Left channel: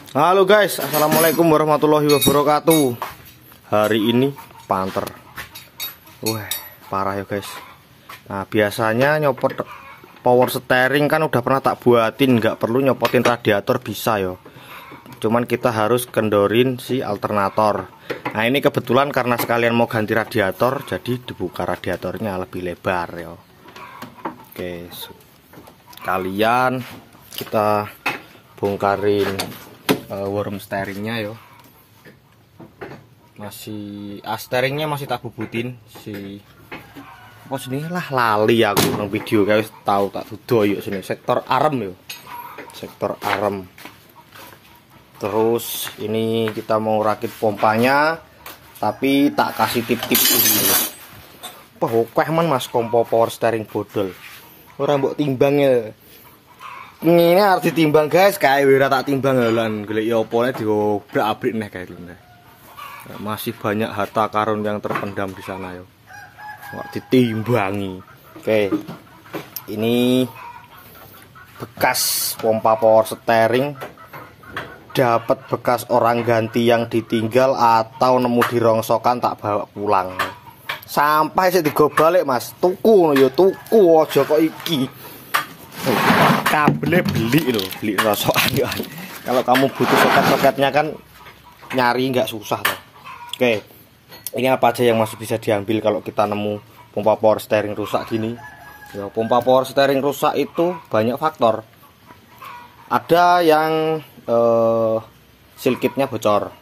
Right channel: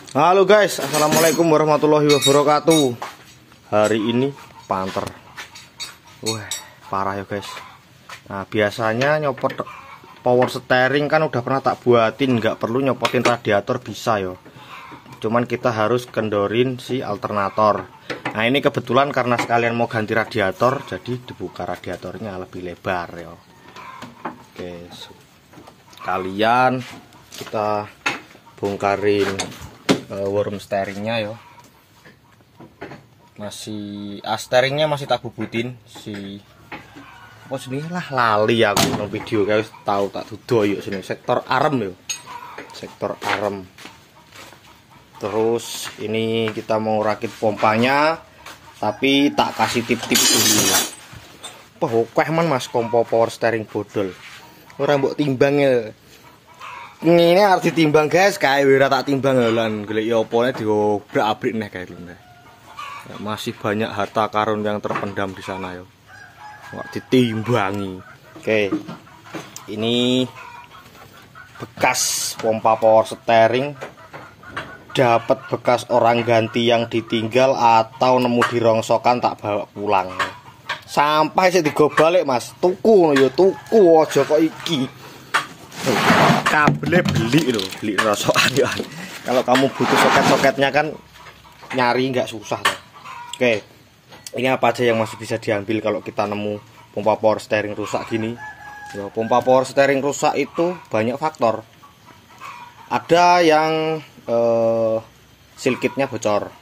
Halo guys, assalamualaikum warahmatullahi wabarakatuh. Hari ini panter. Wah, parah ya guys. Nah, biasanya nyopot power steering kan udah pernah tak buatin, nggak perlu nyopotin radiator bisa ya. Cuman kita harus kendorin si alternator. Nah, ini kebetulan karena sekalian mau ganti radiator, jadi dibuka radiatornya lebih lebar ya. Oke, kalian kita bongkarin worm steeringnya yo. Masih steeringnya masih tak bubutin si apa sini lah, lali aku nang video guys, tahu tak dudo yuk sini sektor arem yo. Sektor arem. Terus ini kita mau rakit pompanya, tapi tak kasih tip-tip dulu. Wah, man mas kompo power steering bodol. Ora mbok timbang ya. Ini harus ditimbang guys, kayak wira tak timbang lan golek ya opone diobrak-abrik neh guys. Masih banyak harta karun yang terpendam di sana yo. Wak ditimbangi. Oke. Ini bekas pompa power steering. Dapat bekas orang ganti yang ditinggal atau nemu di rongsokan tak bawa pulang. Sampai sih digo balik mas, tuku yo tuku aja kok iki. Kabelnya beli rosokan ya. Kalau kamu butuh soket-soketnya kan nyari nggak susah tuh. Oke, ini apa aja yang masih bisa diambil kalau kita nemu pompa power steering rusak gini ya. Pompa power steering rusak itu banyak faktor. Ada yang seal kitnya bocor,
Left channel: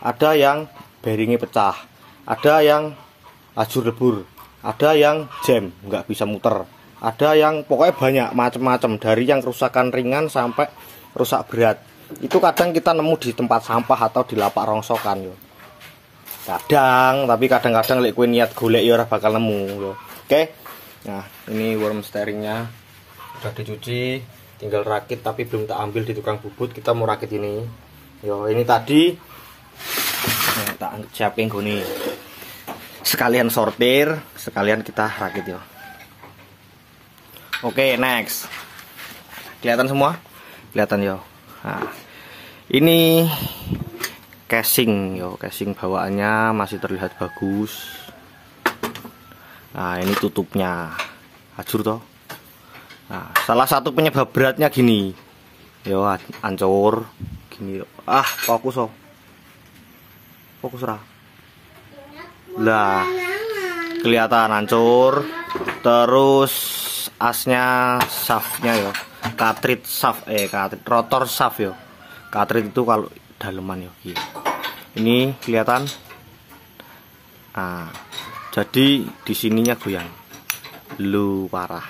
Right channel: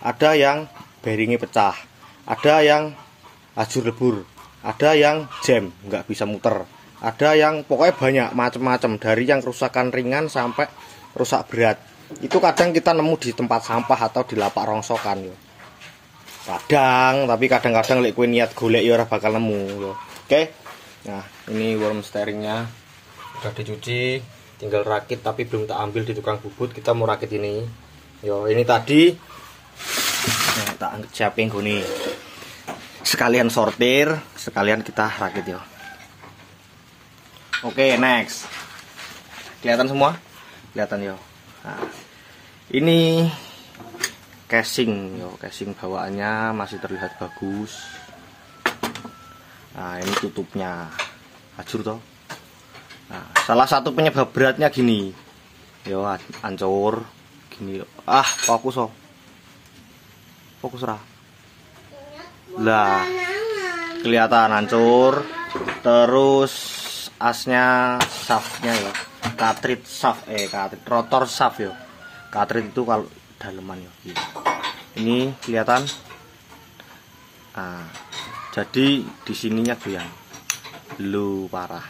ada yang bearingnya pecah, ada yang ajur lebur, ada yang jam nggak bisa muter, ada yang pokoknya banyak macam-macam, dari yang kerusakan ringan sampai rusak berat. Itu kadang kita nemu di tempat sampah atau di lapak rongsokan yo. Kadang, tapi kadang-kadang lek kowe niat golek yo ora bakal nemu yo. Oke. Nah, ini worm steeringnya udah dicuci, tinggal rakit tapi belum tak ambil di tukang bubut. Kita mau rakit ini. Yo, ini tadi tak siapin gini. Sekalian sortir, sekalian kita rakit yo. Oke, next. Kelihatan semua? Kelihatan yo. Nah, ini casing yo, casing bawaannya masih terlihat bagus. Nah, ini tutupnya. Ajur toh. Nah, salah satu penyebab beratnya gini. Yo, hancur. Gini yo. Ah, fokus oh. Fokus ra. Lah, kelihatan hancur. Terus asnya, shaftnya ya, cartridge shaft, cartridge rotor shaft ya. Cartridge itu kalau daleman ya. Ini kelihatan. Nah, jadi di sininya goyang. Lu parah.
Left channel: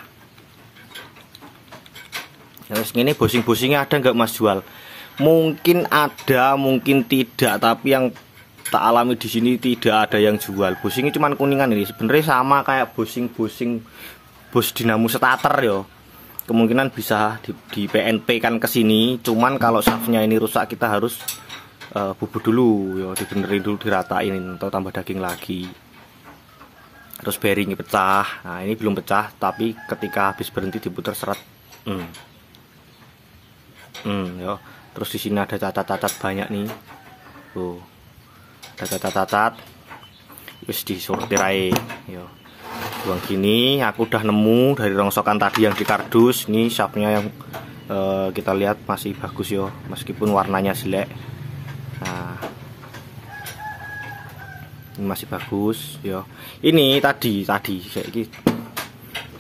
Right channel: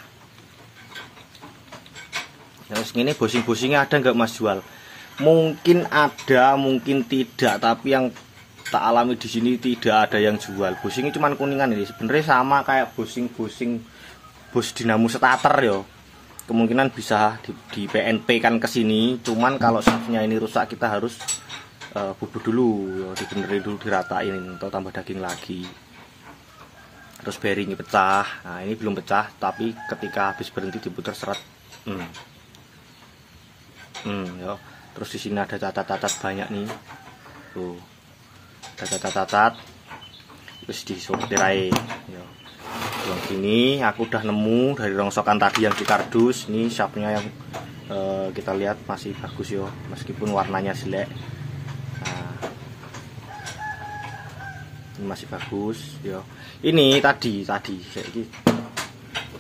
Terus ini bosing-bosingnya ada nggak mas jual? Mungkin ada, mungkin tidak. Tapi yang tak alami di sini tidak ada yang jual. Bosingnya cuma kuningan ini. Sebenarnya sama kayak bosing-bosing bos dinamo starter yo. Kemungkinan bisa di PNP kan ke sini. Cuman kalau shaftnya ini rusak kita harus bubut dulu yo, dibenerin dulu, diratain atau tambah daging lagi. Terus bearingnya pecah. Nah, ini belum pecah tapi ketika habis berhenti diputar seret. Yo. Terus di sini ada cacat-cacat banyak nih. Tuh. Cacat-cacat. Terus disortir aja yo. Buang gini, aku udah nemu dari rongsokan tadi yang di kardus. Ini shaftnya yang kita lihat masih bagus yo, meskipun warnanya jelek. Nah, ini masih bagus yo. Ini tadi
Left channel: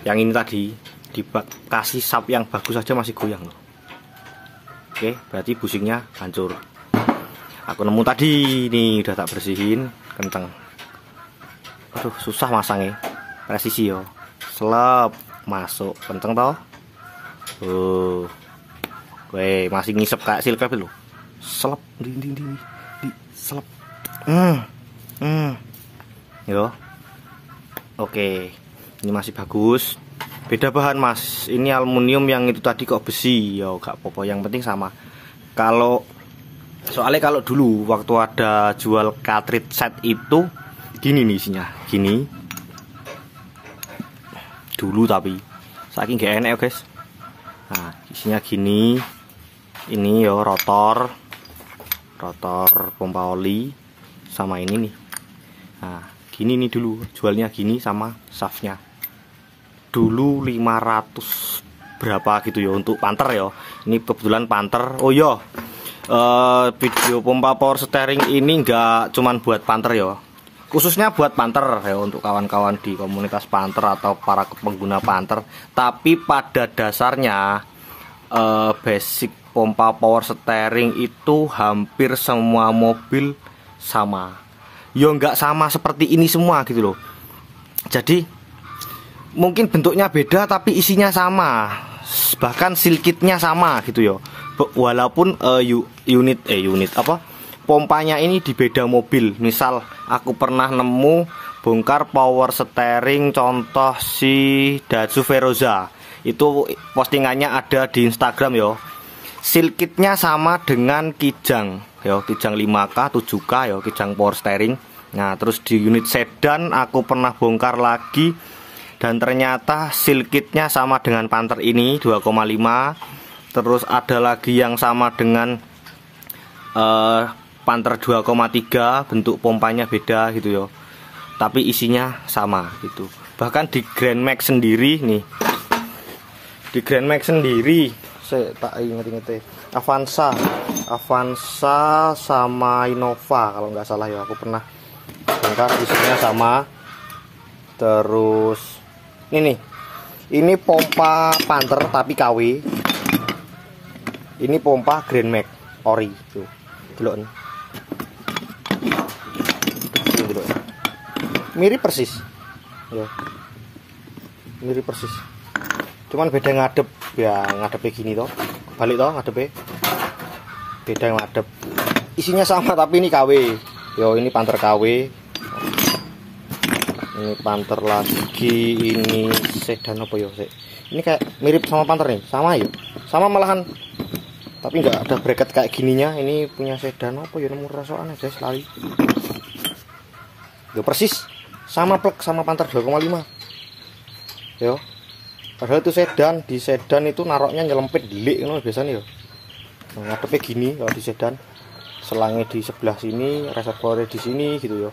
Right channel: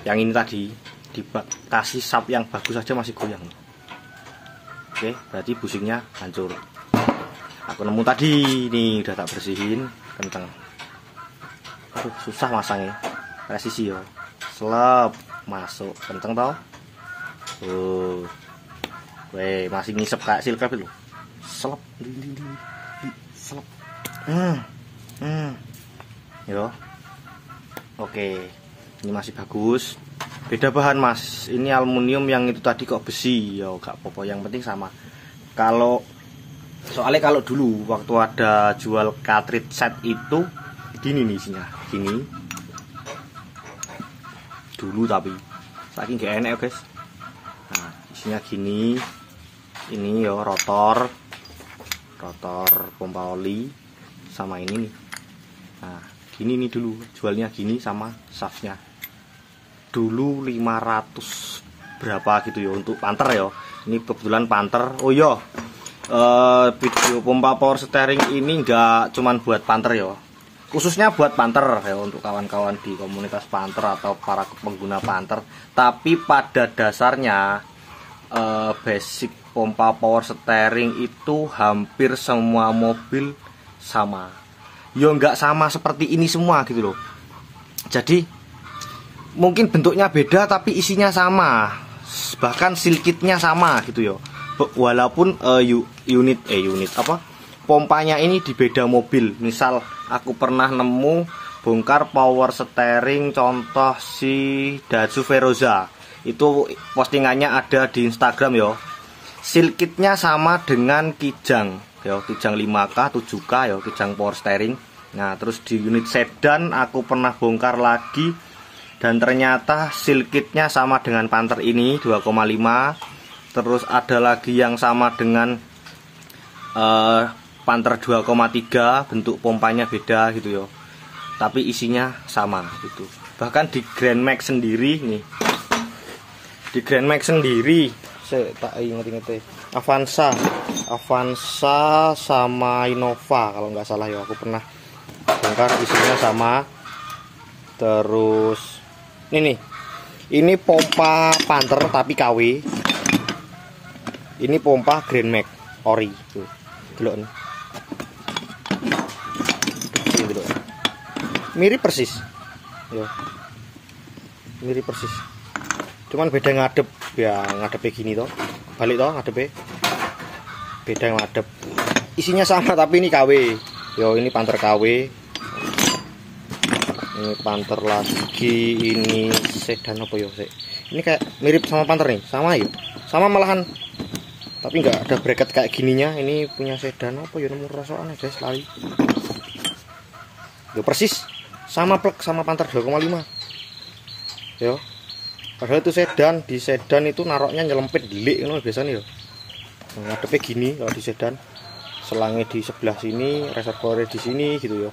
yang ini tadi dikasih shaft yang bagus aja masih goyang. Oke, berarti busingnya hancur. Aku nemu tadi, nih udah tak bersihin, kenceng. Aduh, susah masangnya. Presisi yo, selap masuk kenceng toh. Weh, masih ngisep kayak silpep lu. Selap, selap. Yo. Oke, ini masih bagus. Beda bahan mas. Ini aluminium, yang itu tadi kok besi. Yo, gak apa-apa. Yang penting sama. Soalnya kalau dulu waktu ada jual cartridge set itu gini nih isinya, gini. Dulu tapi saking gak enak ya guys. Nah, isinya gini. ini yo rotor pompa oli sama ini nih. Nah gini nih dulu jualnya gini, sama shaftnya dulu 500 berapa gitu ya untuk Panther ya. Ini kebetulan Panther. Oh iya, video pompa power steering ini enggak cuman buat Panther ya, khususnya buat Panther ya, untuk kawan-kawan di komunitas Panther atau para pengguna Panther. Tapi pada dasarnya basic pompa power steering itu hampir semua mobil sama. Ya nggak sama seperti ini semua gitu loh. Jadi mungkin bentuknya beda tapi isinya sama, bahkan seal kitnya sama gitu ya. Walaupun unit apa pompanya ini di beda mobil. Misal aku pernah nemu bongkar power steering contoh si Daihatsu Veroza, itu postingannya ada di Instagram yo. Seal kitnya sama dengan Kijang yo, Kijang 5K 7K yo, Kijang power steering. Nah terus di unit sedan aku pernah bongkar lagi, dan ternyata seal kitnya sama dengan Panther ini 2,5. Terus ada lagi yang sama dengan Panther 2,3, bentuk pompanya beda gitu ya, tapi isinya sama gitu. Bahkan di Grand Max sendiri nih, di Grand Max sendiri saya tak inget-inget Avanza sama Innova kalau nggak salah ya, aku pernah bongkar isinya sama. Terus ini pompa Panther tapi KW. Ini pompa Grand Max ori tuh. Delok. Mirip persis. Ya. Mirip persis. Cuman beda ngadep. Ya, ngadepnya gini toh. Balik toh ngadepnya. Beda ngadep. Isinya sama tapi ini KW. Yo, ini Panther KW. Ini Panther lagi, ini sedan apa ya? Ini kayak mirip sama Panther nih, sama yuk. Sama malahan. Tapi nggak ada bracket kayak gininya. Ini punya sedan apa ya, nemu rasokan guys lali. Yo persis sama plek sama Panther 2,5. Yo. Padahal itu sedan, di sedan itu naroknya nyelempit delik ngono biasanya yo. Nah, ngadepnya gini kalau di sedan. Selangnya di sebelah sini, reservoirnya di sini gitu yo.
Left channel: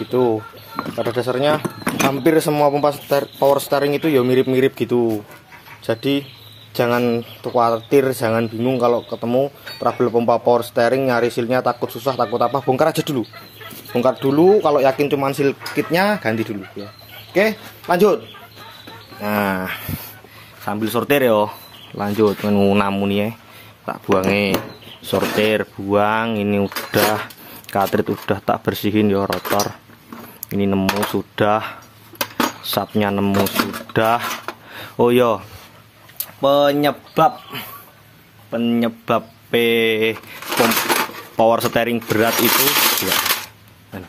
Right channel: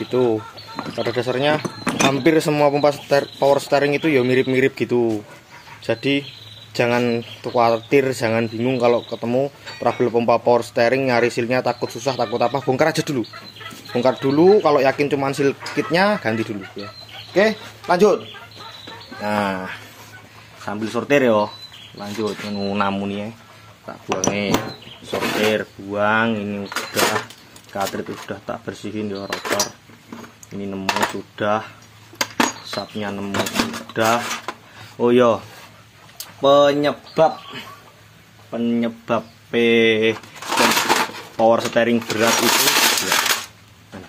Gitu. Pada dasarnya hampir semua pompa power steering itu ya mirip-mirip gitu. Jadi jangan khawatir, jangan bingung kalau ketemu trouble pompa power steering, nyari sealnya takut susah, takut apa, bongkar aja dulu. Bongkar dulu, kalau yakin cuman seal kitnya ganti dulu ya. Oke, lanjut. Nah, sambil sortir yo. Lanjut ngunam nih ya. Tak buangnya sortir, buang. Ini udah cartridge udah tak bersihin yo, rotor. Ini nemu sudah, sapnya nemu sudah. Oh yo, penyebab power steering berat itu ya,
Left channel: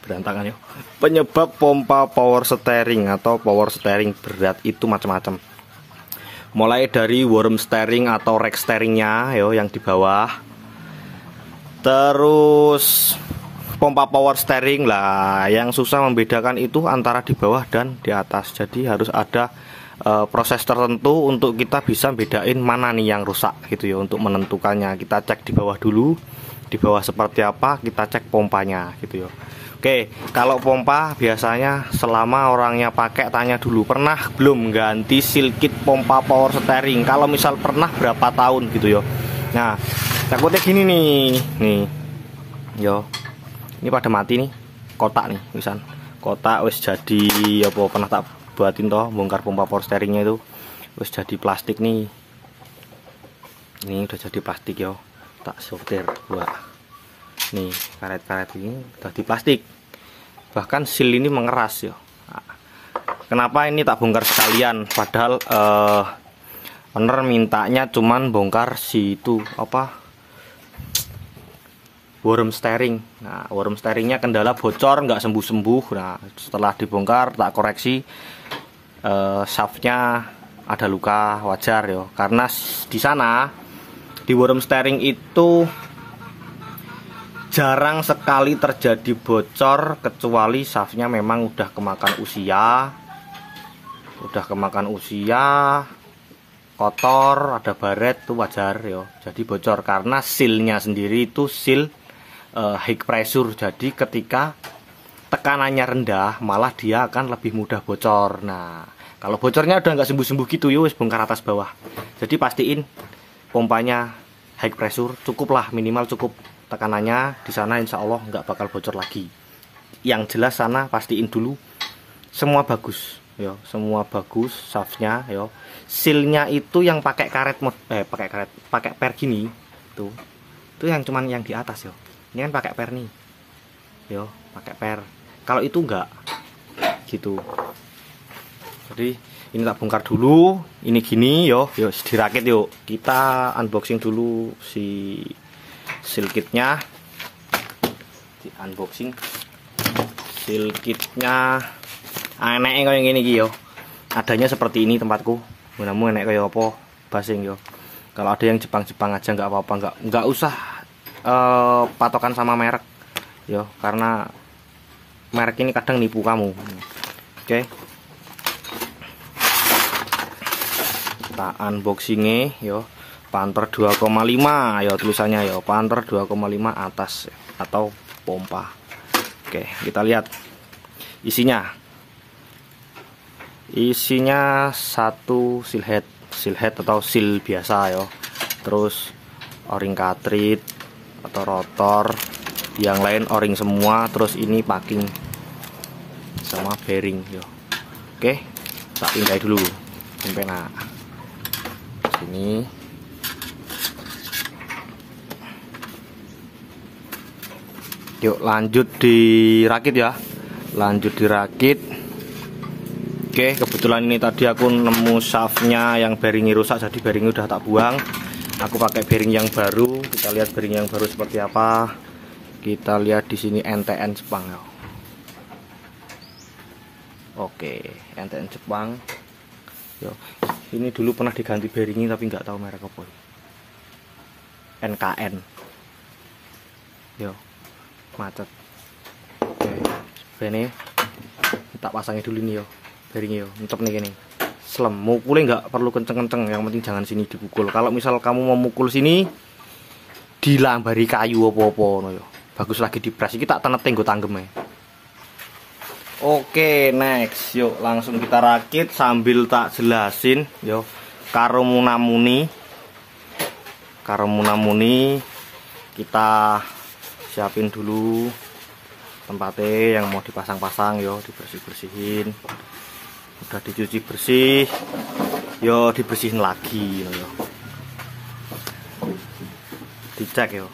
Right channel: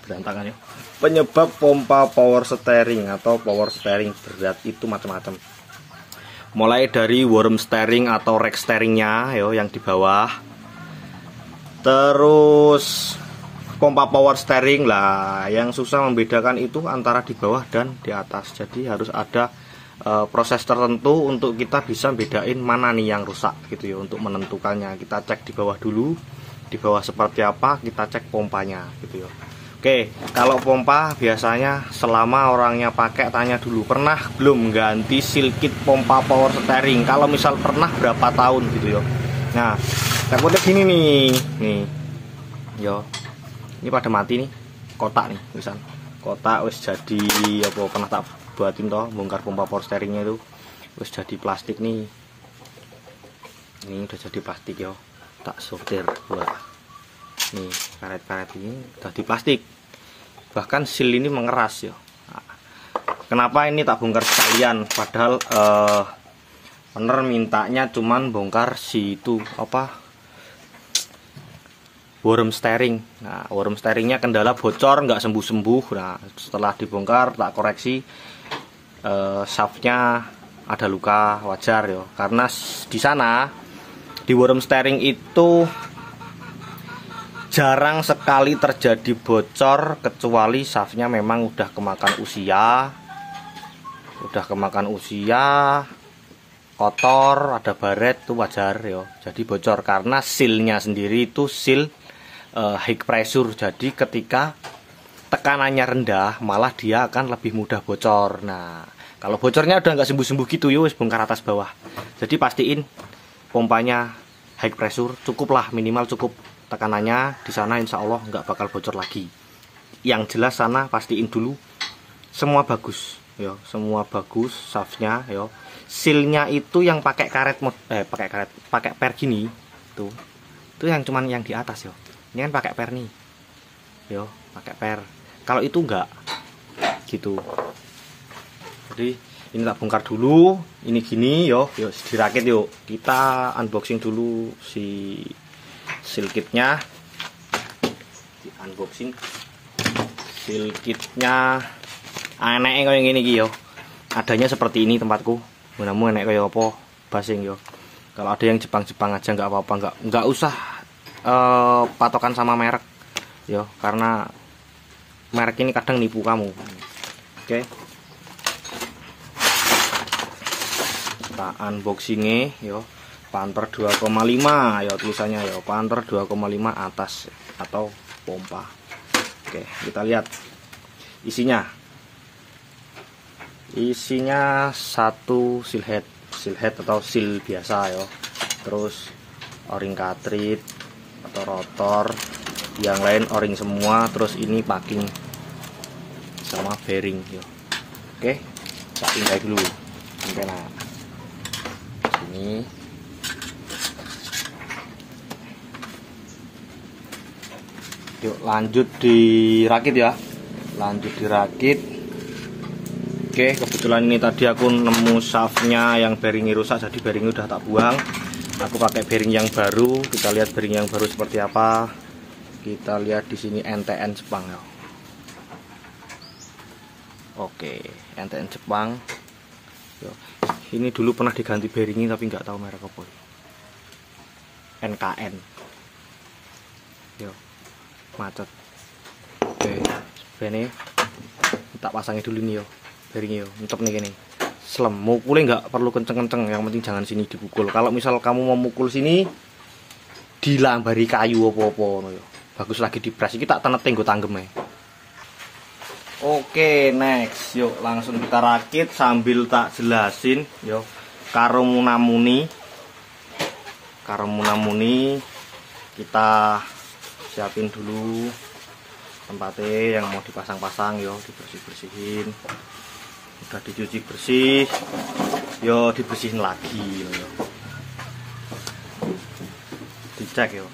berantakan ya. Penyebab pompa power steering atau power steering berat itu macam-macam. Mulai dari worm steering atau rack steeringnya yo yang di bawah. Terus pompa power steering lah, yang susah membedakan itu antara di bawah dan di atas. Jadi harus ada proses tertentu untuk kita bisa bedain mana nih yang rusak gitu ya. Untuk menentukannya kita cek di bawah dulu, di bawah seperti apa, kita cek pompanya gitu ya. Oke, kalau pompa biasanya selama orangnya pakai tanya dulu pernah belum ganti seal kit pompa power steering. Kalau misal pernah berapa tahun gitu ya. Nah, takutnya gini nih yo. Ini pada mati nih, kotak nih, misal kotak wis jadi apa pernah tak buatin toh, bongkar pompa power steeringnya itu wis jadi plastik nih. Ini udah jadi plastik yo, tak sortir buat. Nih karet-karet ini udah di plastik, bahkan seal ini mengeras yo. Nah, kenapa ini tak bongkar sekalian? Padahal owner mintanya cuman bongkar si itu apa? Worm steering. Nah, worm steeringnya kendala bocor, nggak sembuh-sembuh. Nah, setelah dibongkar tak koreksi, shaftnya ada luka, wajar ya. Karena di sana di worm steering itu jarang sekali terjadi bocor, kecuali shaftnya memang udah kemakan usia, kotor, ada baret itu wajar ya. Jadi bocor karena sealnya sendiri itu seal high pressure. Jadi ketika tekanannya rendah malah dia akan lebih mudah bocor. Nah, kalau bocornya udah nggak sembuh-sembuh gitu ya wis bongkar atas bawah. Jadi pastiin pompanya high pressure, cukuplah, minimal cukup tekanannya di sana, insya Allah nggak bakal bocor lagi. Yang jelas sana pastiin dulu semua bagus ya, semua bagus shaftnya ya. Sealnya itu yang pakai karet pakai per gini tuh. Itu yang cuman yang di atas ya. Ini kan pakai per nih. Yo, pakai per. Kalau itu enggak gitu. Jadi ini tak bongkar dulu. Ini gini yo, dirakit yuk. Kita unboxing dulu si seal kitnya. Di unboxing seal kitnya. Aneh kayak gini yo. Adanya seperti ini tempatku. Mudah-mudahan enek kayak apa basing yo. Kalau ada yang Jepang-Jepang aja nggak apa-apa, nggak usah patokan sama merek yo, karena merek ini kadang nipu kamu. Oke. Kita unboxingnya yo. Panther 2,5 yo tulisannya yo. Panther 2,5 atas atau pompa. Oke, kita lihat isinya. Isinya satu seal head atau seal biasa ya. Terus o-ring cartridge atau rotor, yang lain o-ring semua. Terus ini packing sama bearing ya. Oke, tak pindah dulu sampai nah sini. Yuk lanjut dirakit ya. Lanjut dirakit. Oke, kebetulan ini tadi aku nemu shaftnya yang bearingnya rusak, jadi bearingnya udah tak buang. Aku pakai bearing yang baru. Kita lihat bearing yang baru seperti apa. Kita lihat di sini NTN Jepang ya. Oke, NTN Jepang. Yo, ini dulu pernah diganti bearingnya tapi nggak tahu merek apa. NKN. Yo, macet. Oke, ini tak pasangi dulu nih yo. Bearingnya untuk nih gini, slem, mukulnya nggak perlu kenceng-kenceng, yang penting jangan sini dipukul. Kalau misal kamu mau mukul sini, dilambari kayu apa-apa, no, bagus lagi dipres. Kita teneting gue tanggem. Oke, next, yuk langsung kita rakit sambil tak jelasin, yo. Karo munamuni kita siapin dulu tempatnya yang mau dipasang-pasang, yo, dibersih-bersihin. Udah dicuci bersih, yo dibersihin lagi, yo. Dicek yo.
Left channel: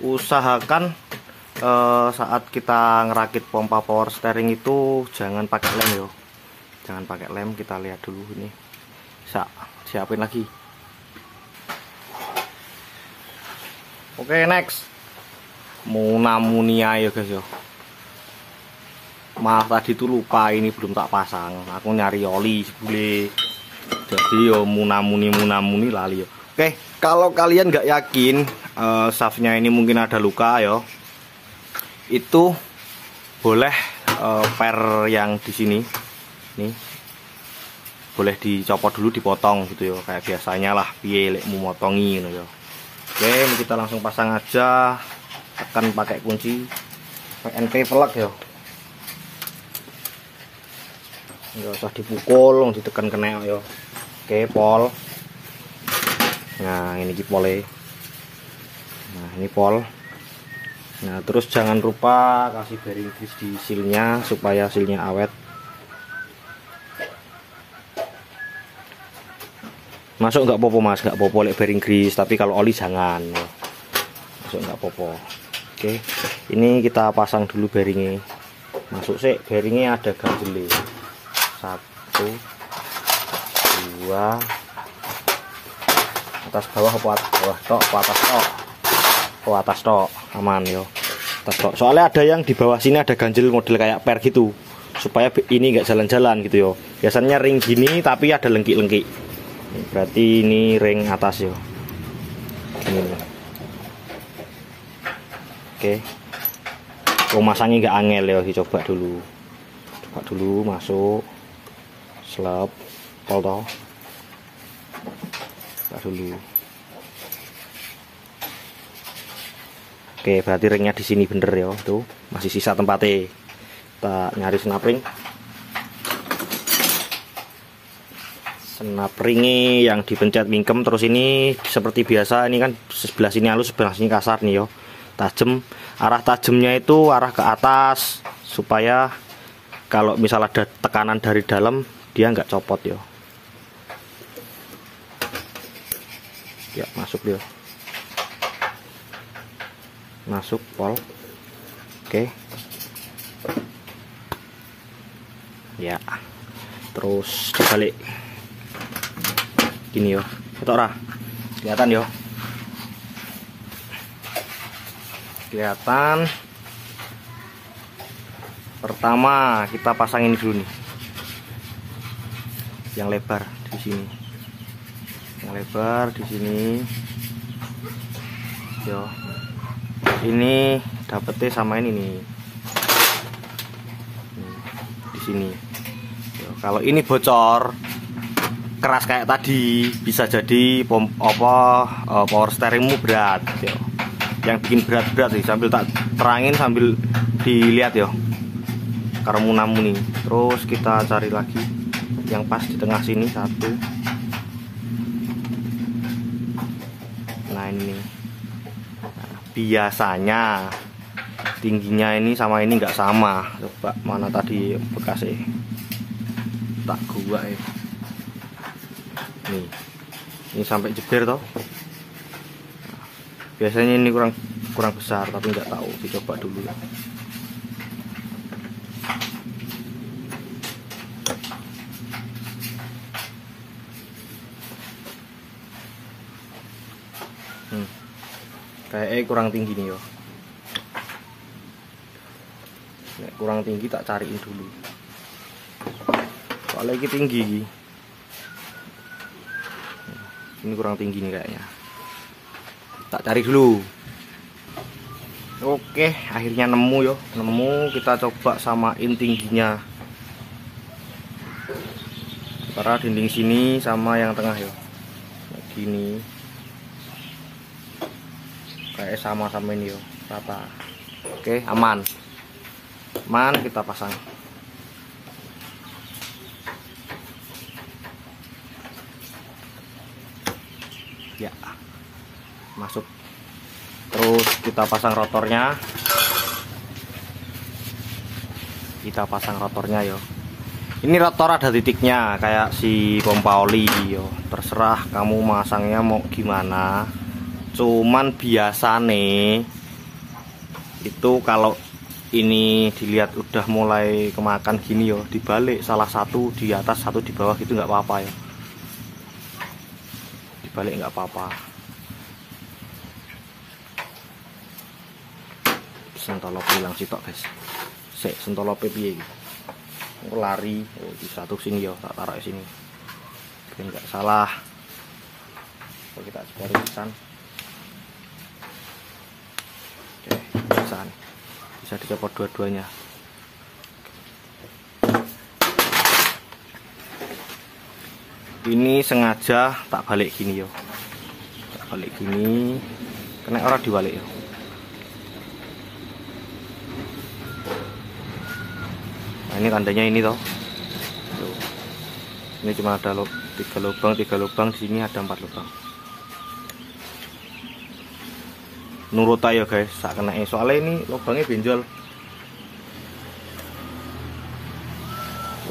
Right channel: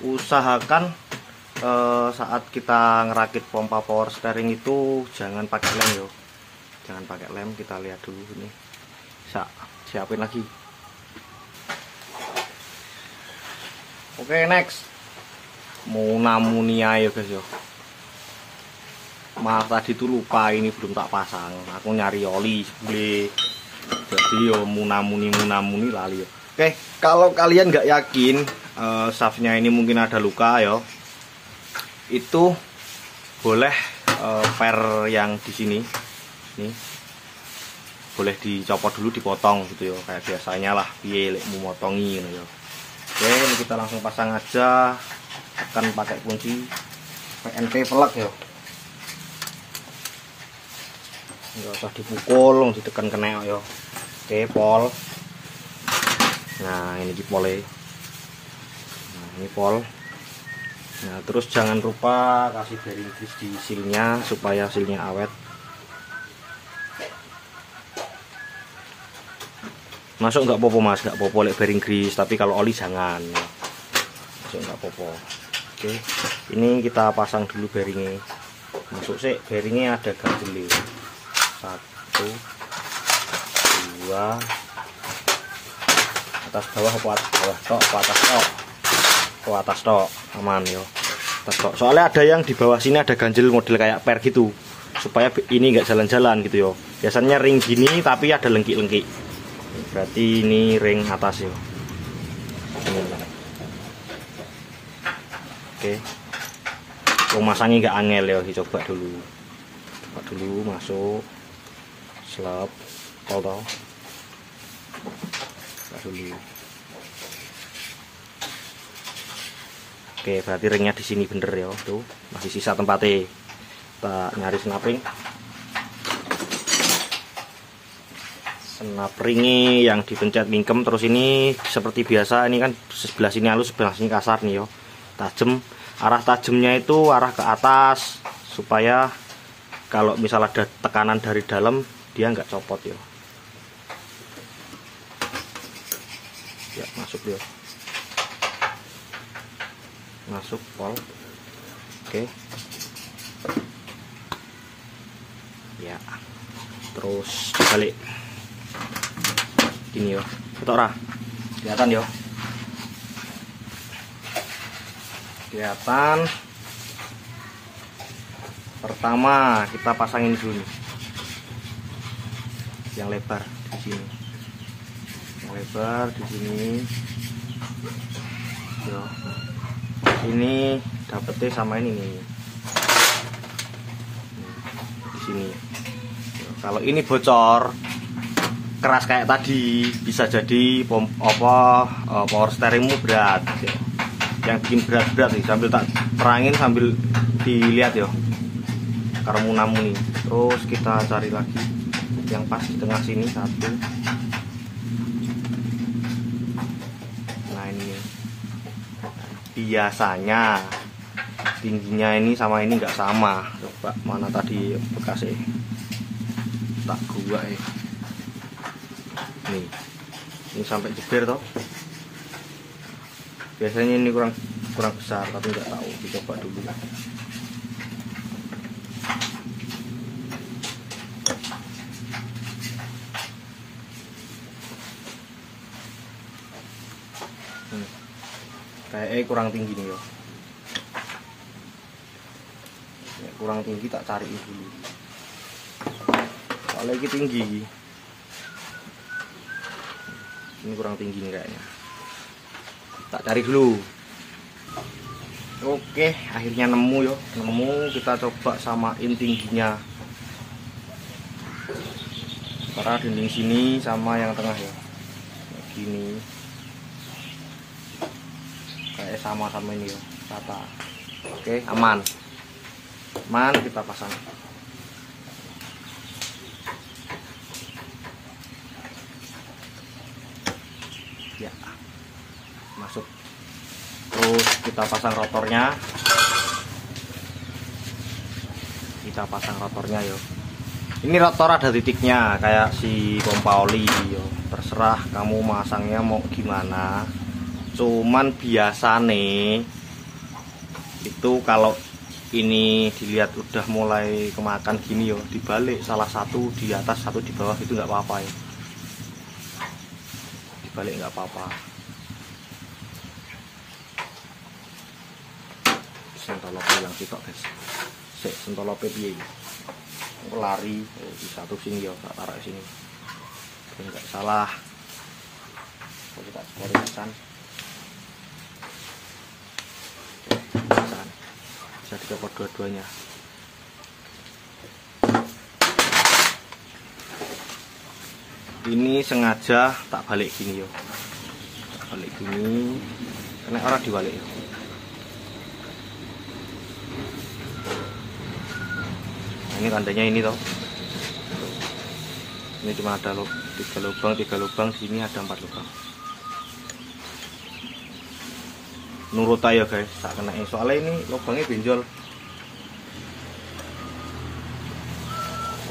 Usahakan saat kita ngerakit pompa power steering itu jangan pakai lem yo, jangan pakai lem. Kita lihat dulu nih, siapin lagi. Oke, next, munamuni ayo guys yo. Maaf tadi tuh lupa, ini belum tak pasang. Aku nyari oli boleh. Jadi yo munamuni lali yo. Oke, kalau kalian nggak yakin shaftnya ini mungkin ada luka yo, itu boleh per yang di sini nih boleh dicopot dulu, dipotong gitu yo, kayak biasanya lah piye lek mau motongi gitu yo. Oke, ini kita langsung pasang aja. Tekan pakai kunci PNP plug yo. Nggak usah dipukul, ditekan kena yo. Oke, pol. Nah, ini di pole. Nah, ini pol. Nah, terus jangan lupa kasih bearing grease di sealnya supaya sealnya awet. Masuk nggak popo mas, nggak popo lek bearing grease, tapi kalau oli jangan. Masuk nggak popo. Oke, ini kita pasang dulu bearingnya. Masuk sih, bearingnya ada ganjel. 1, 2, atas bawah atas tok aman yo, atas tok. Soalnya ada yang di bawah sini ada ganjel model kayak per gitu, supaya ini nggak jalan-jalan gitu yo. Biasanya ring gini tapi ada lengkik-lengkik, berarti ini ring atas yo. Ini. Oke, masangnya nggak angel yo, dicoba dulu masuk. Slap, pol toh. Buka dulu. Oke, berarti ringnya di sini bener ya, tuh masih sisa tempatnya. Kita nyari snap-ring. Snap-ringnya yang dipencet mingkem, terus ini seperti biasa, ini kan sebelah sini halus, sebelah sini kasar nih yo. Tajam, arah tajamnya itu arah ke atas supaya kalau misal ada tekanan dari dalam dia nggak copot yo. Ya, masuk dia. Masuk pol. Oke. Ya. Terus dibalik. Gini yo. Foto kelihatan yo. Kelihatan. Pertama kita pasangin dulu nih. Yang lebar di sini. Yang lebar di sini. Yo. Ini dapetnya sama ini nih. Di sini. Kalau ini bocor keras kayak tadi, bisa jadi power steeringmu berat ya. Yang bikin berat-berat sih, sambil tak terangin sambil dilihat ya kerumunamu nih. Terus kita cari lagi yang pas di tengah sini satu. Nah ini biasanya tingginya ini sama ini nggak sama. Coba mana tadi bekasnya, tak gua ya. Nih, ini sampai jeber toh. Biasanya ini kurang besar, tapi nggak tahu, dicoba dulu. Kayaknya kurang tinggi nih yo. Kurang tinggi tak cariin dulu. Soalnya ini tinggi. Ini kurang tinggi nih kayaknya. Tak cari dulu. Oke, akhirnya nemu yo. Nemu, kita coba samain tingginya. Antara dinding sini sama yang tengah yo. Kayak gini. Kayak sama-sama ini yo, rata. Oke, aman. Aman, kita pasang. Ya. Masuk. Terus kita pasang rotornya. Kita pasang rotornya yo. Ini rotor ada titiknya kayak si pompa oli yo. Terserah kamu masangnya mau gimana. Cuman biasa nih itu kalau ini dilihat udah mulai kemakan gini yo, dibalik salah satu di atas satu di bawah gitu nggak apa-apa ya. Dibalik nggak apa-apa. Sentolope yang sitok guys. Sek sentolope piye iki? Lari di satu sini yo, tak taruh di sini. Biar nggak salah. Kita sebarusan. Bisa dicopot dua-duanya. Ini sengaja tak balik gini yo. Tak balik gini. Kena orang dibalik yo. Nah, ini tandanya ini toh. Ini cuma ada 3 lubang, di sini ada 4 lubang. Nurut aja guys, tak kena soalnya ini lubangnya benjol.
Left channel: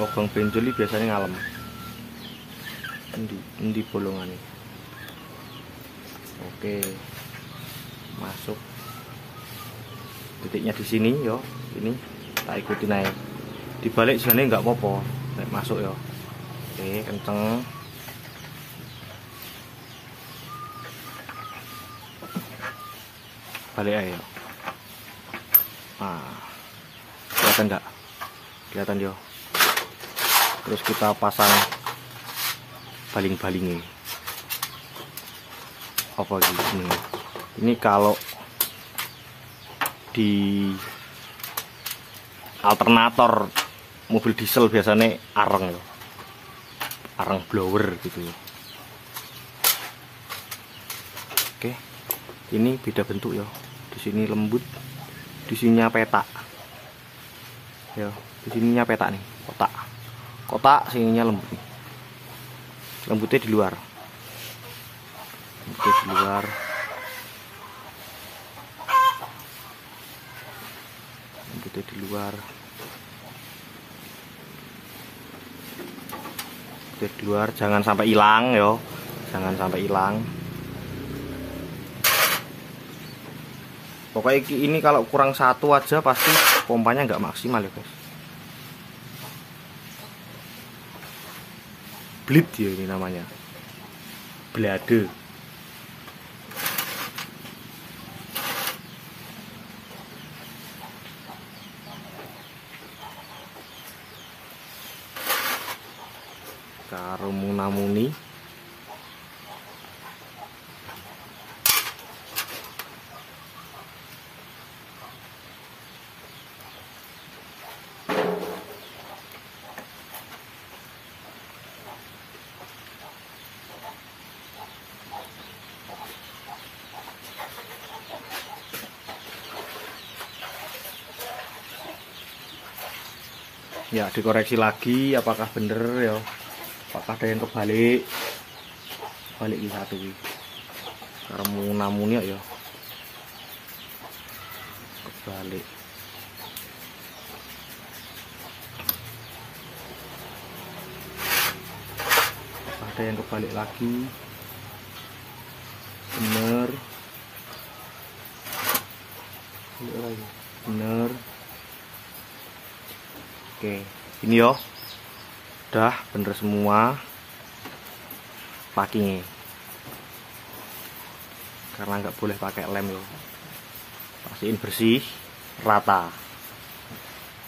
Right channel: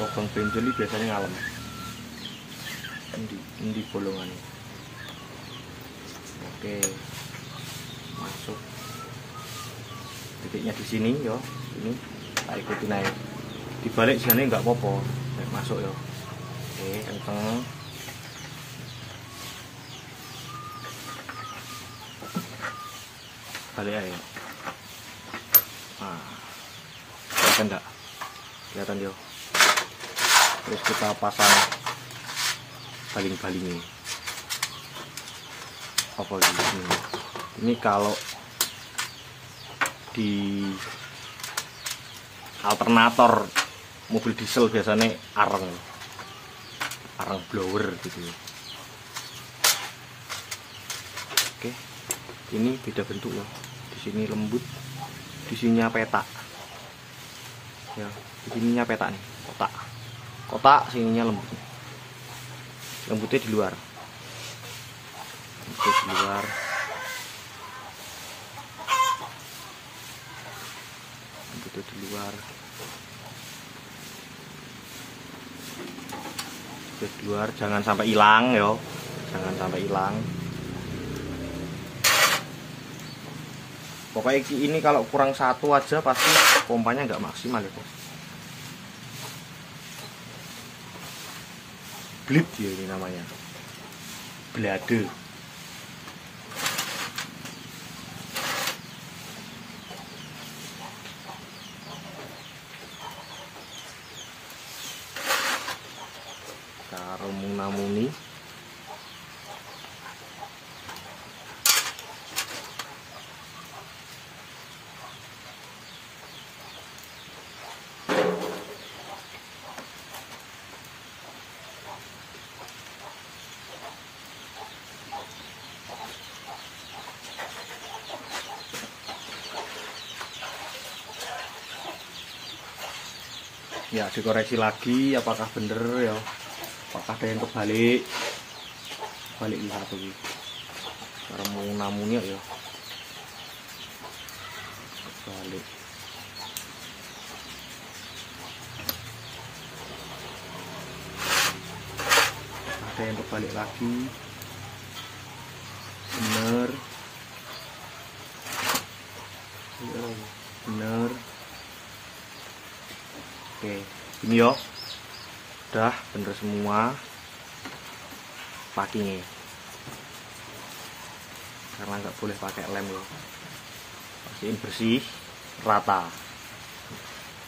Lubang benjol ini biasanya ngalem. Ini bolongan ini. Oke, masuk. Titiknya di sini yo, ini tak ikutin aja. Dibalik sini nggak apa-apa, masuk yo. Oke, kenceng. Balik aja. Nah, kelihatan enggak? Kelihatan yo. Terus kita pasang baling-balingnya. Apa gini? Ini kalau di alternator mobil diesel biasanya areng sarang blower gitu ya. Oke, ini beda bentuk ya. Di sini lembut, di sininya petak. Ya, di sininya petak nih, kotak. Kotak sininya lembut. Lembutnya di luar. Lembutnya di luar. Lembutnya di luar. Lembutnya di luar, jangan sampai hilang ya. Jangan sampai hilang. Pokoknya ini kalau kurang satu aja pasti pompanya nggak maksimal ya bos. Bleed ya ini namanya, blade. Karo muna-muni. Ya dikoreksi lagi apakah bener ya, apakah ada yang kebalik di satu ini cara muna-muni ya kebalik. Ada yang kebalik lagi, bener bener. Oke, ini yo, udah bener semua packingnya, karena nggak boleh pakai lem ya. Pastiin bersih, rata,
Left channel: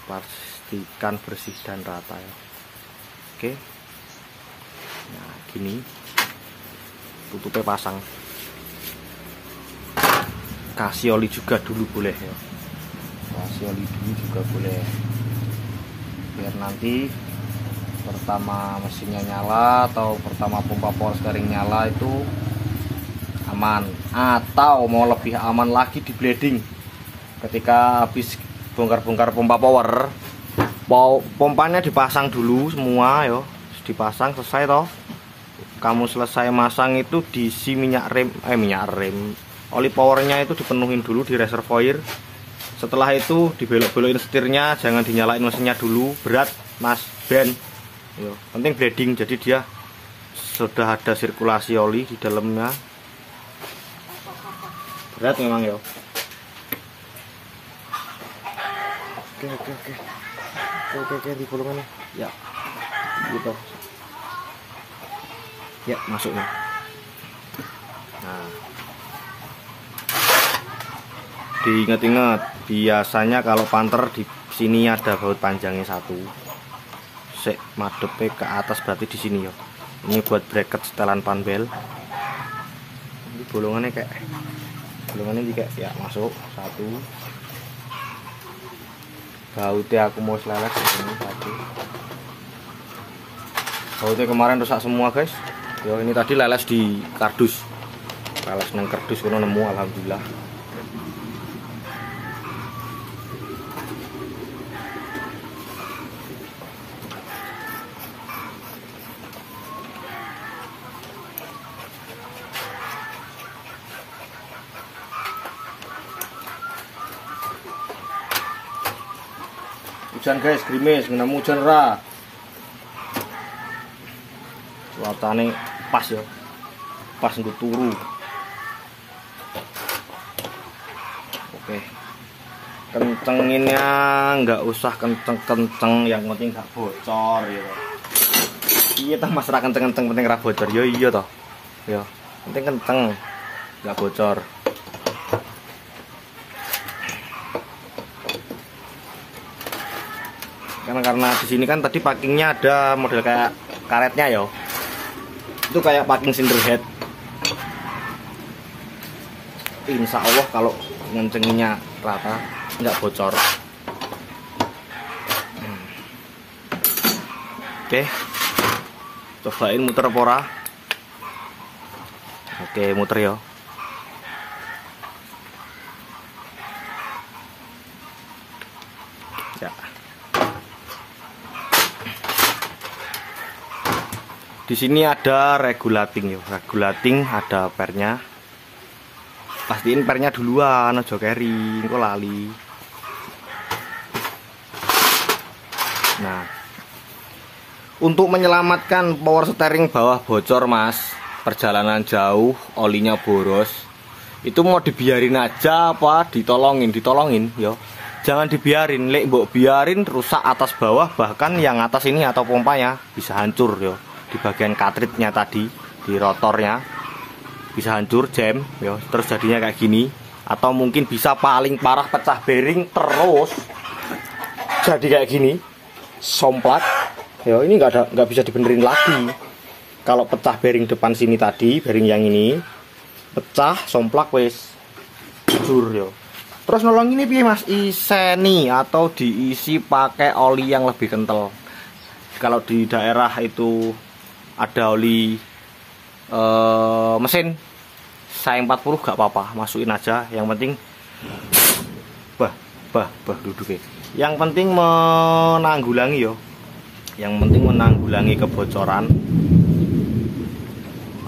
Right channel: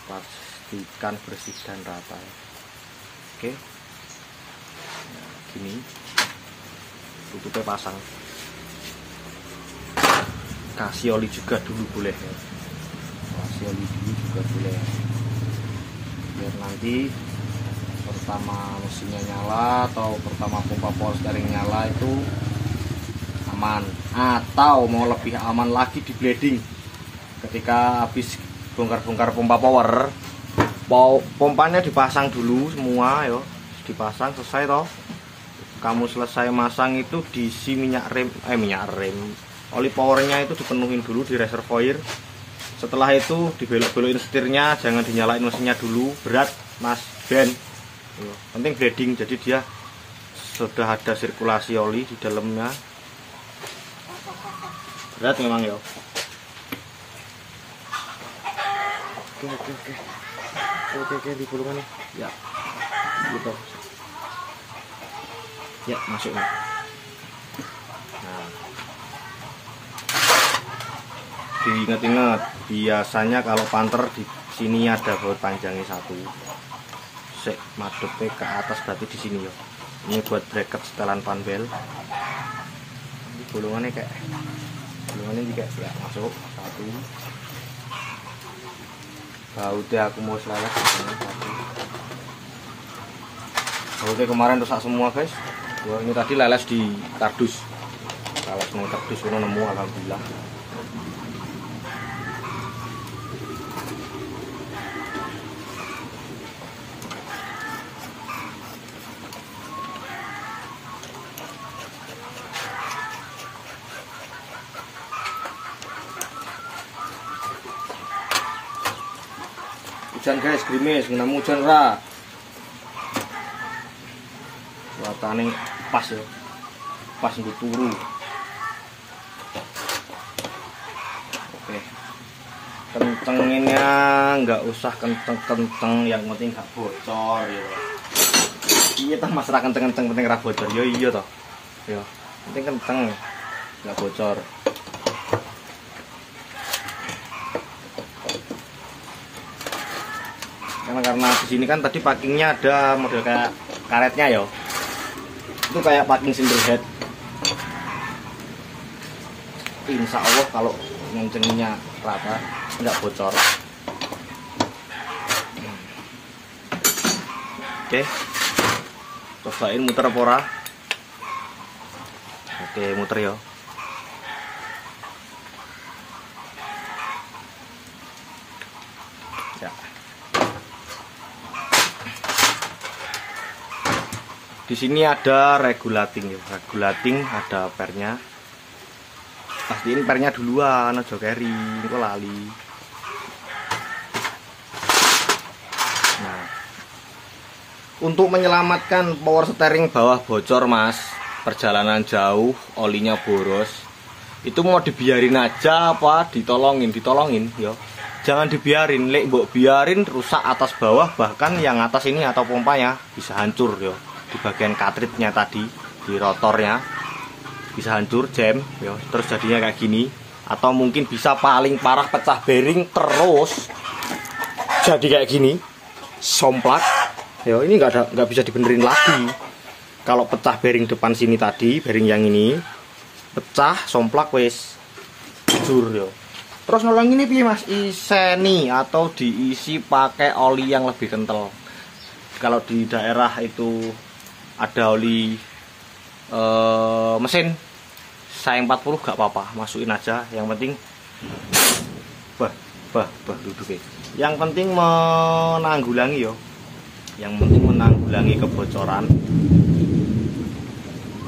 pastikan bersih dan rata ya. Oke, nah gini, tutupnya pasang, kasih oli juga dulu boleh ya, kasih oli dulu juga boleh. Biar nanti pertama mesinnya nyala atau pertama pompa power steering nyala itu aman. Atau mau lebih aman lagi di bleeding, ketika habis bongkar-bongkar pompa power, pompanya dipasang dulu semua yo, dipasang selesai toh. Kamu selesai masang itu diisi minyak rem, oli powernya itu dipenuhin dulu di reservoir. Setelah itu dibelok-belokin setirnya, jangan dinyalain mesinnya dulu, berat mas Ben. Penting bleeding, jadi dia sudah ada sirkulasi oli di dalamnya. Berat memang ya. Oke, di bolongannya. Ya, gitu. Ya, masuk nih. Nah. Diingat-ingat, biasanya kalau panter di sini ada baut panjangnya satu. Sek madepnya ke atas berarti di sini ya. Ini buat bracket setelan panbel. Ini bolongannya juga ya, masuk satu. Bautnya aku mau selalas ini satu. Bautnya kemarin rusak semua guys. Ya ini tadi leles di kardus. Leles neng kardus kono nemu alhamdulillah. Hujan guys, gerimis, ngenamu hujan ora. Cuacane pas ya. Pas untuk turu. Oke. Kencenginnya nggak usah kenceng-kenceng, yang penting gak bocor ya. Iya tah Mas, ra kenceng-kenceng penting ra bocor. Yo iya toh. Yo, penting kenceng, nggak bocor. Karena di sini kan tadi packingnya ada model kayak karetnya ya, itu kayak packing single head. Insya Allah kalau ngencenginya rata nggak bocor. Oke, Cobain muter apa ora? Oke, muter ya. Ya. Di sini ada regulating ya. Regulating ada pernya. Pastiin pernya duluan, aja carry, kok lali. Nah, untuk menyelamatkan power steering bawah bocor mas, perjalanan jauh, olinya boros, itu mau dibiarin aja apa ditolongin ya. Jangan dibiarin, lek mbok biarin rusak atas bawah, bahkan yang atas ini atau pompanya bisa hancur ya. Di bagian cartridge-nya tadi, di rotornya bisa hancur, jam ya, terus jadinya kayak gini. Atau mungkin bisa paling parah pecah bearing terus jadi kayak gini. Somplak ya, ini nggak bisa dibenerin lagi. Kalau pecah bearing depan sini tadi, bearing yang ini pecah, somplak wes hancur ya. Terus nolong ini piye mas, iseni atau diisi pakai oli yang lebih kental. Kalau di daerah itu ada oli mesin saya 40 gak apa-apa, masukin aja. Yang penting duduk ya. Yang penting menanggulangi yo. Yang penting menanggulangi kebocoran.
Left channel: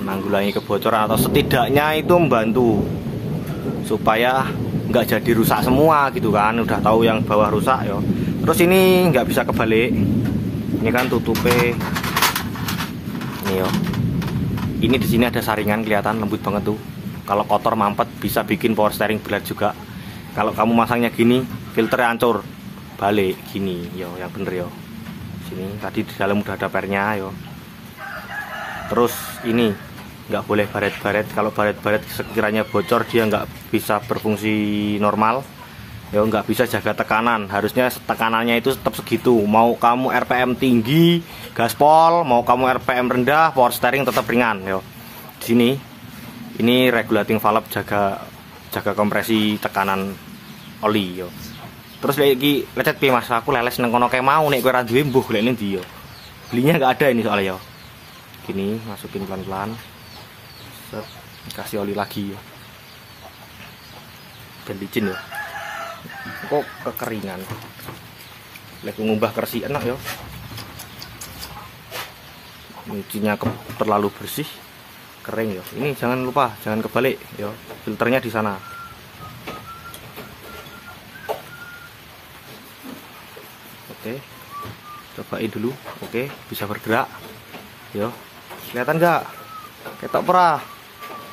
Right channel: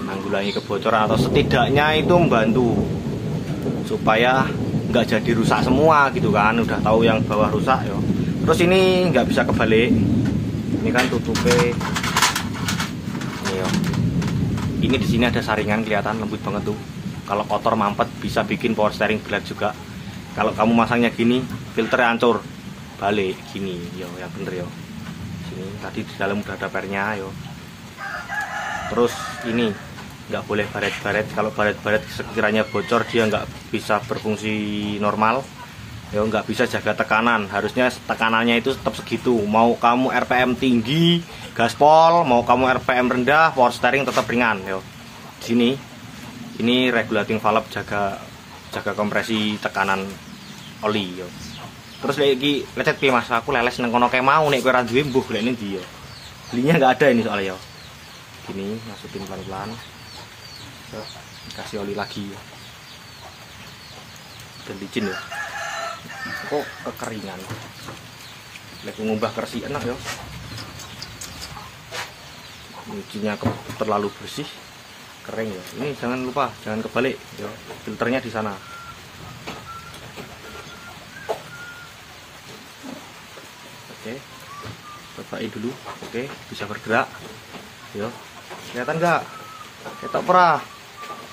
Menanggulangi kebocoran atau setidaknya itu membantu supaya nggak jadi rusak semua gitu kan. Udah tahu yang bawah rusak yo. Terus ini nggak bisa kebalik. Ini kan tutupnya. Ini yo. Ini di sini ada saringan, kelihatan lembut banget tuh. Kalau kotor mampet bisa bikin power steering berat juga. Kalau kamu masangnya gini, filternya hancur. Balik gini, yo, yang bener yo. Sini tadi di dalam udah ada pernya yo. Terus ini nggak boleh baret-baret. Kalau baret-baret sekiranya bocor dia nggak bisa berfungsi normal. Yo, nggak bisa jaga tekanan. Harusnya tekanannya itu tetap segitu. Mau kamu RPM tinggi, gaspol, mau kamu RPM rendah, power steering tetap ringan yo. Di sini ini regulating valve jaga kompresi tekanan oli yo. Terus kayak iki lecet piye mas, aku leles nang kono kae mau nek kowe ra duwe mbuh lek ndi yo. Belinya nggak ada ini soalnya yo. Gini masukin pelan-pelan. Kasih oli lagi yo. Dan licin yo. Kok kekeringan. Lek ngubah kersi enak yo. Mungkinnya terlalu bersih, kering ya. Ini jangan lupa, jangan kebalik ya. Filternya di sana. Oke. Cobain dulu. Oke, bisa bergerak. Yo. Kelihatan enggak? Ketok perah.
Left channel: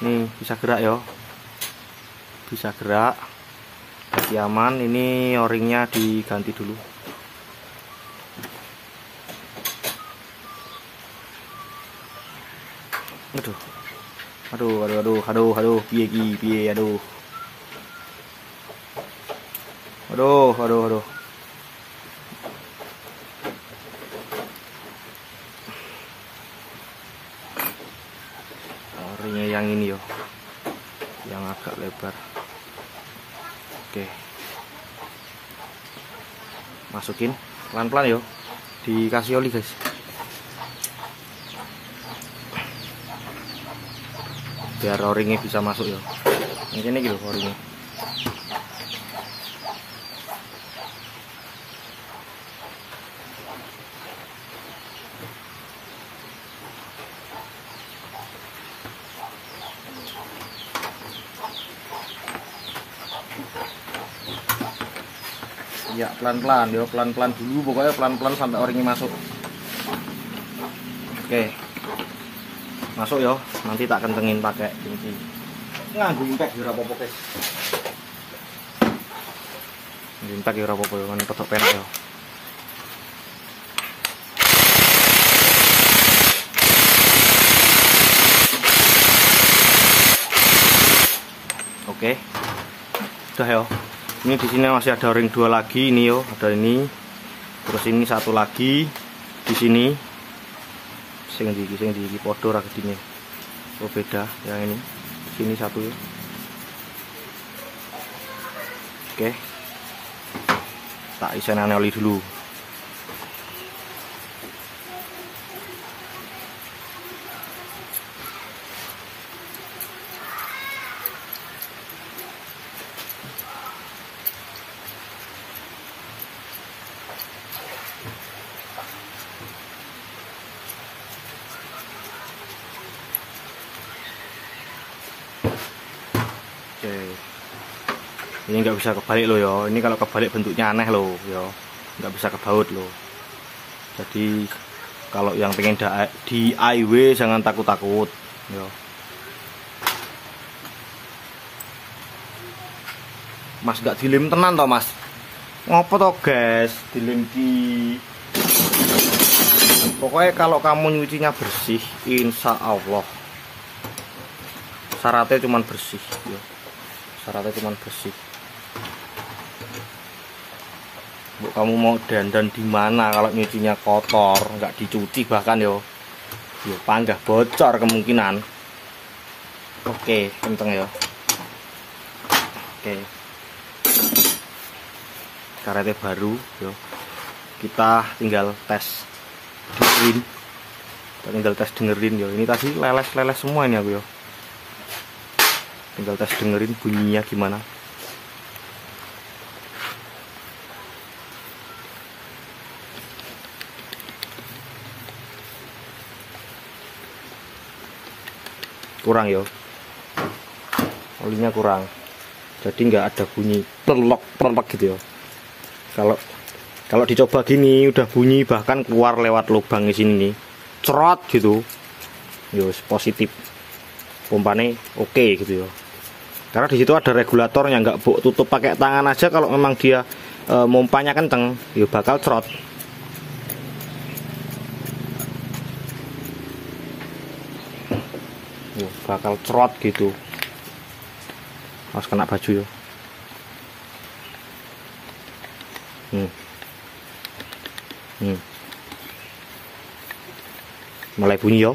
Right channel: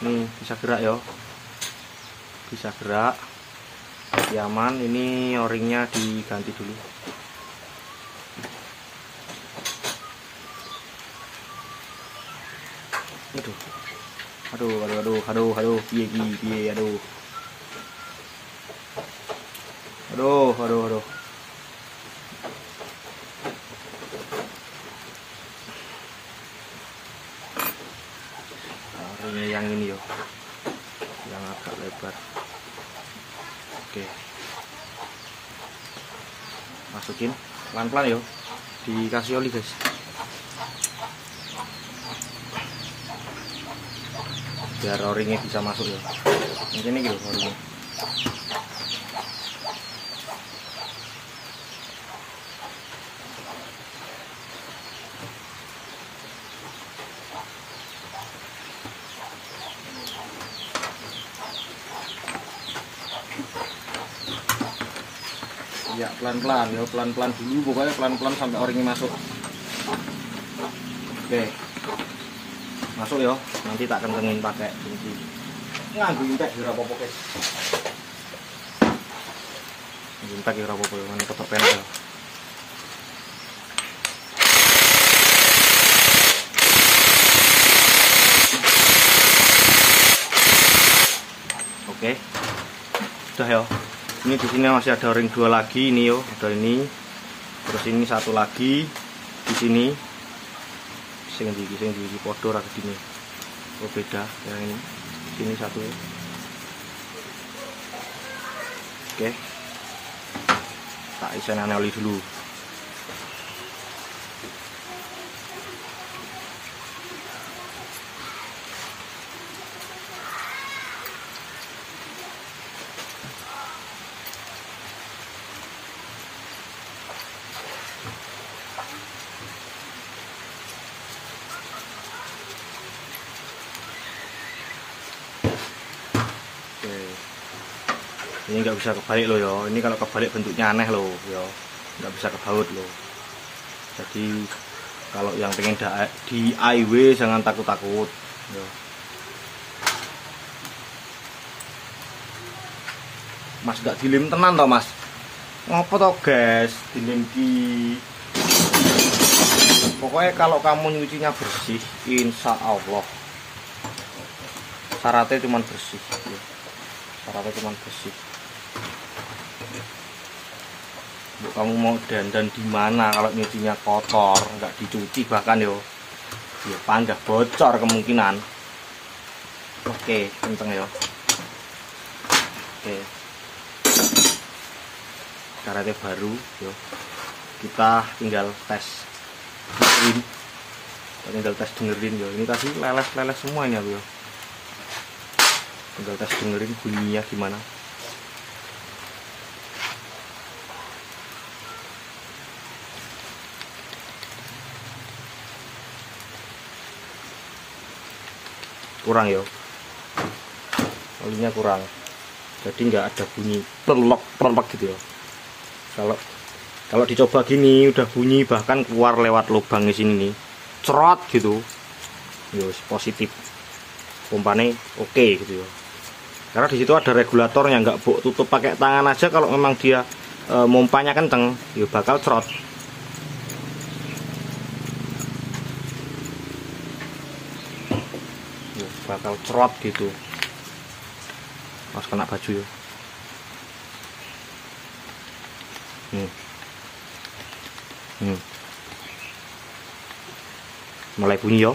Nih, bisa gerak yo. Bisa gerak. Aman, ini o-ringnya diganti dulu. Aduh, piye, aduh. Ringnya yang ini yo, yang agak lebar. Oke, masukin pelan-pelan yo, dikasih oli guys. Biar o-ringnya bisa masuk ya. Ini gitu o-ringnya. Ya pelan-pelan ya, pelan-pelan dulu pokoknya, pelan-pelan sampai o-ringnya masuk. Oke. Masuk ya, nanti tak kencengin pakai kunci. Nganggo intek ora apa-apa, guys. Intek ora apa-apa, kan tetep enak. Oke. Sudah ya. Ini di sini masih ada ring 2 lagi ini yo, ada ini. Terus ini satu lagi di sini. Sing di podo ra gedine. Oh beda yang ini. Sini satu. Oke. Tak isenane oli dulu. Ini nggak bisa kebalik loh ya. Ini kalau kebalik bentuknya aneh loh ya. Nggak bisa kebaut loh. Jadi kalau yang pengen DIY jangan takut-takut ya. Mas nggak dilem tenan toh mas. Ngopo toh guys dilem di. Pokoknya kalau kamu nyucinya bersih, insya Allah syaratnya cuma bersih ya. Syaratnya cuma bersih. Kamu mau dandan di mana kalau nyucinya kotor, nggak dicuci bahkan yo, ya panggah bocor kemungkinan. Oke, kenceng ya. Oke. Karetnya baru, yo. Kita tinggal tes dengerin. Tinggal tes dengerin yo. Ini tadi leles semua ini aku ya. Tinggal tes dengerin bunyinya gimana. Kurang ya, olinya kurang, jadi nggak ada bunyi plelok gitu ya. Kalau dicoba gini udah bunyi, bahkan keluar lewat lubang di sini nih, cerot gitu, yos positif, pompanya oke gitu ya. Karena di situ ada regulatornya, nggak tutup pakai tangan aja. Kalau memang dia mompanya kenceng, ya bakal cerot. Bakal cerot gitu. Mas kena baju ya. Mulai bunyi yo.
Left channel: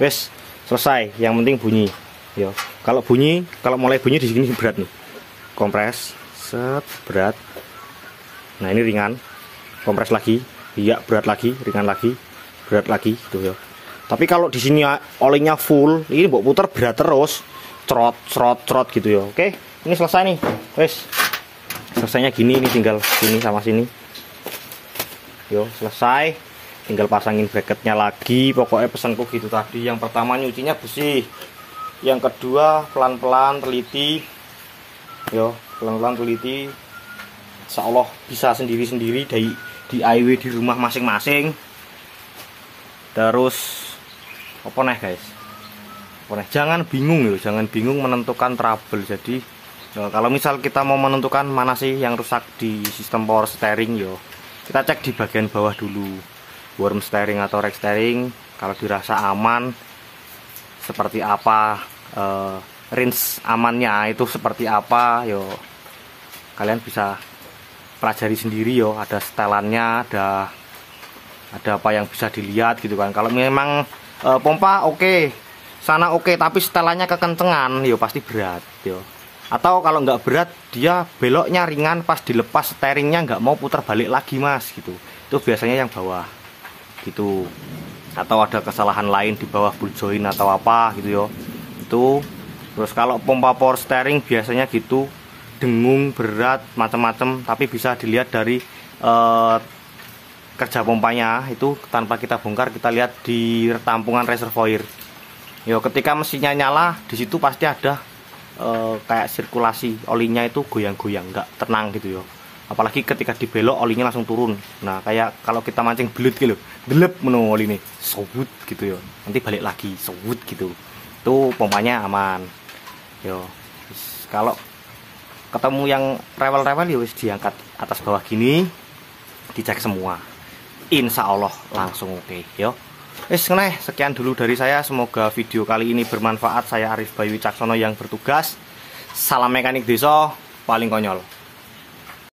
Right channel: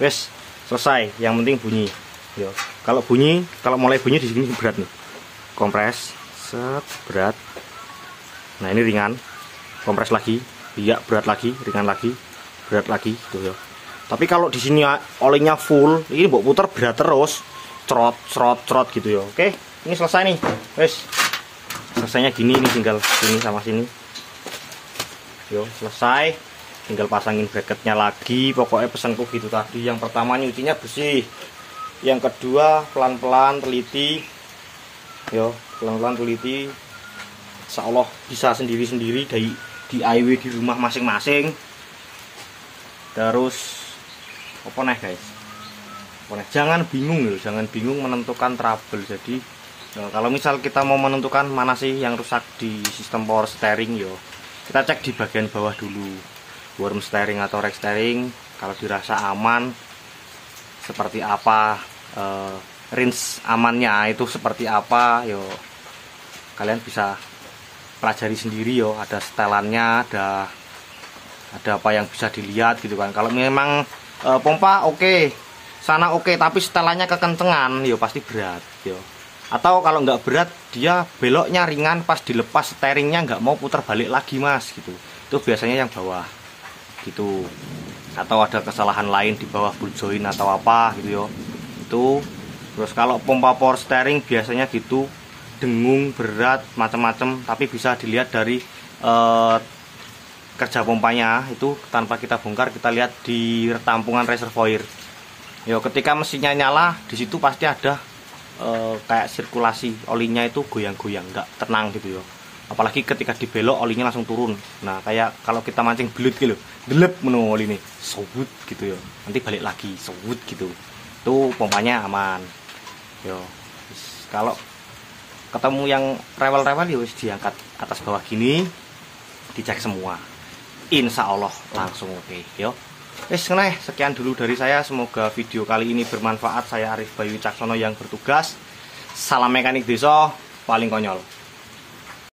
Wes selesai. Yang penting bunyi. Yo. Kalau mulai bunyi di sini berat nih. Kompres, set berat. Nah ini ringan. Kompres lagi, iya berat lagi, ringan lagi, berat lagi, tuh ya. Tapi kalau di sini olinya full, ini mbok puter berat terus, cerot gitu ya. Oke, ini selesai nih, wes. Selesainya gini, ini tinggal sini sama sini. Yo, selesai. Tinggal pasangin bracketnya lagi. Pokoknya pesanku gitu tadi. Yang pertama nyucinya bersih. Yang kedua pelan-pelan teliti. Yo, pelan-pelan teliti. Insya Allah bisa sendiri-sendiri dari DIY di rumah masing-masing. Terus apa nih guys, jangan bingung ya, jangan bingung menentukan trouble. Jadi kalau misal kita mau menentukan mana sih yang rusak di sistem power steering, yo kita cek di bagian bawah dulu, worm steering atau rack steering. Kalau dirasa aman seperti apa, range amannya itu seperti apa, yo kalian bisa pelajari sendiri yo. Ada setelannya, ada apa yang bisa dilihat gitu kan. Kalau memang pompa oke, sana oke, tapi setelannya kekencengan, yo pasti berat, yo. Atau kalau nggak berat, dia beloknya ringan, pas dilepas steeringnya nggak mau putar balik lagi mas, gitu. Itu biasanya yang bawah, gitu. Atau ada kesalahan lain di bawah ball joint atau apa, gitu yo. Itu. Terus kalau pompa power steering biasanya gitu, dengung, berat, macam-macam, tapi bisa dilihat dari kerja pompanya itu. Tanpa kita bongkar, kita lihat di tampungan reservoir. Yo, ketika mesinnya nyala, di situ pasti ada kayak sirkulasi olinya itu goyang-goyang, nggak tenang gitu yo. Apalagi ketika dibelok olinya langsung turun. Nah, kayak kalau kita mancing belut gitu, delep menu oli ini, sewut gitu yo. Nanti balik lagi, sewut gitu. Itu pompanya aman. Yo, kalau ketemu yang rewel-rewel ya wis diangkat atas bawah gini, dicek semua. Insya Allah langsung oke, yo. Sekian dulu dari saya. Semoga video kali ini bermanfaat. Saya Arif Bayu Caksono yang bertugas. Salam mekanik desa paling konyol.